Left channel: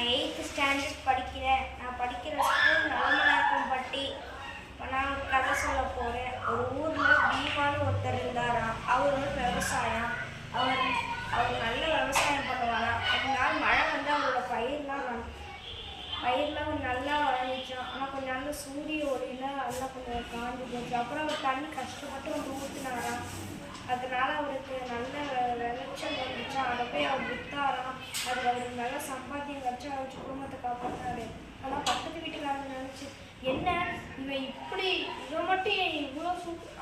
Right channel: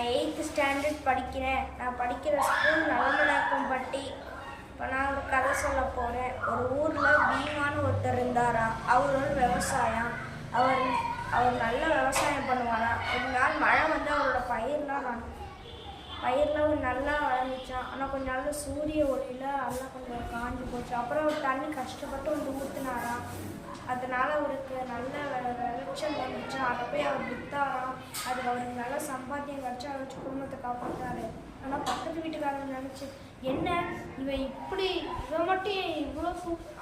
நான் 8th standard படிக்கிறேன். நான் படிக்கிற ஸ்கூல் நல்லமனாக்கம்பட்டி. இப்போ நான் ஒரு கதை சொல்ல போகிறேன். ஒரு ஊரில் பீமான்னு ஒருத்தர் இருந்தாராம். அவர் ஒரு விவசாயம். அவர் நல்ல விவசாயம் பண்ணுவாராம். ஒரு நாள் மழை வந்து அவரோட பயிரெலாம் நல்லா வளர்ந்துச்சான். ஆனால் கொஞ்சம் நல்ல சூரிய ஒளியில் அதெல்லாம் கொஞ்சம் காஞ்சி போச்சு. அப்புறம் அவர் தண்ணி கஷ்டப்பட்டு வந்து ஊற்றுனாராம். அதனால் அவருக்கு நல்ல விளைச்சல் வந்துச்சான். அதை போய் அவர் விற்றாராம். அதுக்கு அவருக்கு நல்ல சம்பாத்தியம் கிடச்சி அதை வச்சு குடும்பத்தை காப்பாற்றினாரு. ஆனால் பக்கத்து வீட்டுக்காரங்க நினச்சி, என்ன இவன் இப்படி இவன் மட்டும் இவ்வளோ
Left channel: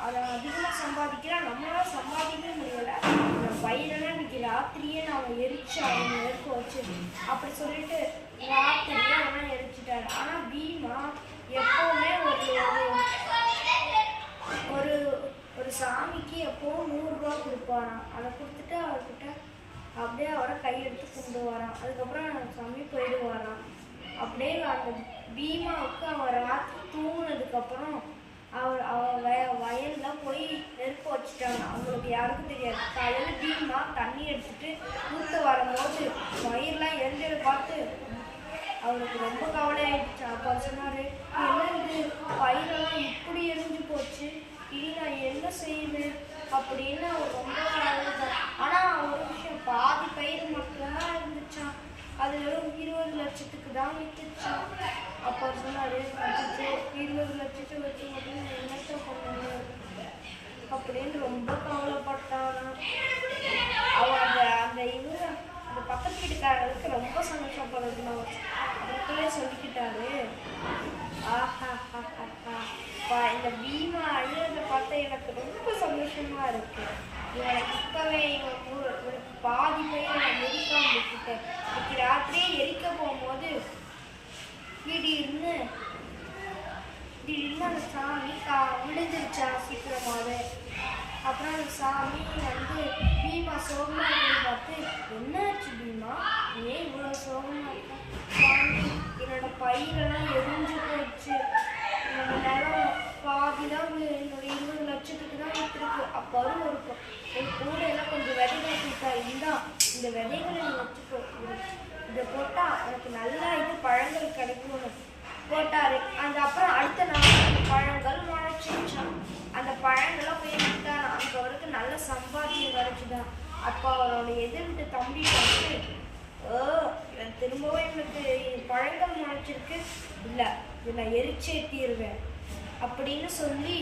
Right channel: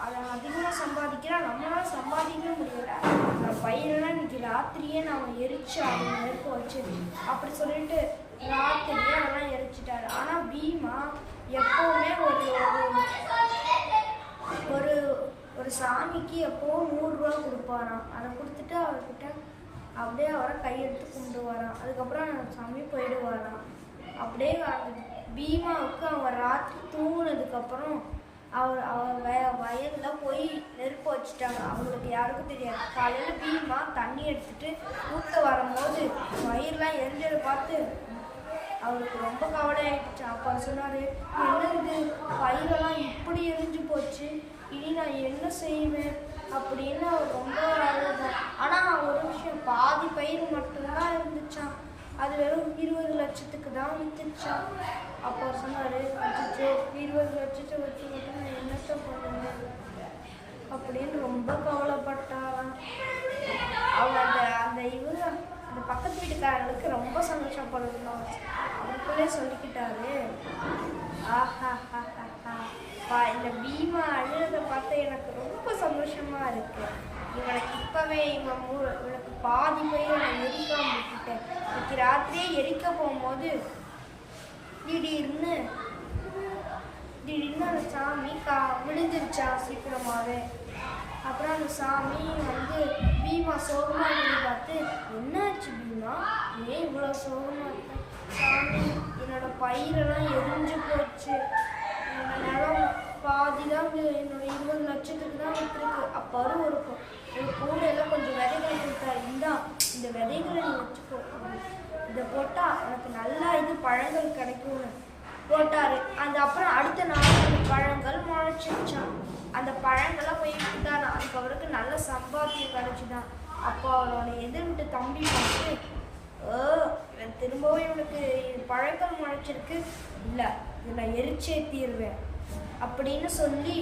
அதை அதிகமாக சம்பாதிக்கிறான், நம்மளால் சம்பாதிக்கவே முடியலை. நான் பயிரெல்லாம் இன்னைக்கு ராத்திரியே நான் எரிச்சு அவங்க நெருக்க வச்சு அப்படி சொல்லிட்டு ராத்திரியே அவெல்லாம் எரிச்சிட்டாரு. ஆனால் பீமா எப்போவுமே ஒரு ஒரு சாமிக்கு எப்போவும் 100 ரூபா கொடுப்பாராம். அதை கொடுத்துட்டு அவர்கிட்ட அப்படியே அவரை கையெடுத்து கொண்டு வரான். அதுக்கப்புறம் சாமி போயிடுவாராம். அப்படியே அந்த பீமாவுக்கு அவர் ராத்திரி தூங்கினதுக்கப்புறம் அவர் வயலில் போய் நெருப்பு வச்சுட்டாங்க. அவங்களுக்கு யாருக்கும் தெரியாது. காலையில் பீமா தண்ணி எடுத்துட்டு ஊற்ற வரும்போது வயிறுலாம் எரிஞ்சதை பார்த்து அவருக்கு ரொம்ப கவலை ஆயிடுச்சு. அப்போ சொன்னார், என்ன இது பயிரெல்லாம் இப்படி எரிஞ்சு போச்சு, இனி நான் என்ன செய்வேன் அப்படின்னு அவர் ரொம்ப அழுதான். ஆனால் ஒரு விஷயம், பாதி பயிர் மட்டும்தான் இருந்துச்சான். அது வெறும் 20 லட்சத்துக்கு தான் விற்றுச்சான். அப்போ சொன்னார், அச்சோ 20 லட்சத்தை வச்சு மட்டும் நான் என்னத்தை பண்ணுவேன் அப்படின்னு ரொம்ப கவலைப்பட்டாரான். அவர் அந்த பக்கத்து வீட்டுக்காரங்களுக்கு ரொம்ப சந்தோஷப்படுறதுன்னு அவருக்குள்ளே சொல்லிக்கிட்டாரு, இந்த பீமா அழுறதை பார்த்து எனக்கு ரொம்ப சந்தோஷமா இருக்கு. இவனுக்கு இப்பவே இவனுக்கு பாதி பயிர் நான் எரிக்காம விட்டுட்டேன். இன்னைக்கு ராத்திரியே எரிக்க போகும்போது திடீர்னு அந்த சாமி விழுந்துருச்சா சீக்கிரமாவே. அப்புறம் அந்த சாமி வந்து பீமா சோகமா இருந்து பார்த்து, என்னாச்சு பீமா, ஏன் இவ்வளோ சோகமா இருக்க? சாமி, என்னோட பயிரெல்லாம் எரிஞ்சு போச்சு. என்னோட நிலம் பாதி தான் என்னோட 20 லட்சத்துக்கு தான் விட்டுருக்கு. அப்போ ஒரு கூடையெல்லாம் கொஞ்சம் விதைகளை கொடுத்தாரு. இந்த விதைகளை நீ வச்சுக்கோ, இதை போட்டால் உனக்கு நல்லா பழங்கள் கிடைக்கும்னு போட்டாரு. அப்புறம் அடுத்த நாள் அந்த பழங்கள் முளைச்சிச்சான். அந்த பழங்கள்லாம் போய் விட்டானா. அதுக்கு அவருக்கு நல்ல சம்பாத்தியம் கிடைச்சிதான். அப்போ அவரோட எதிர்விட்டு தம்பி பார்த்து, இவன் திரும்பவும் இவனுக்கு பழங்கள் முளைச்சிருக்கு, இல்லை இதை நான் எரிச்சே தீருவேன் அப்படின்னு சொல்லி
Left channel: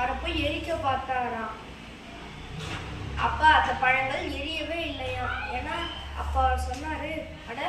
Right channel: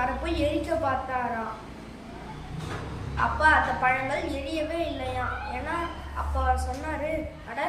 அதை போய் எரிக்க பார்த்தாராம். அப்போ அந்த பழங்கள் எரியவே இல்லையாம். ஏன்னா அப்போ சொன்னாரு, அட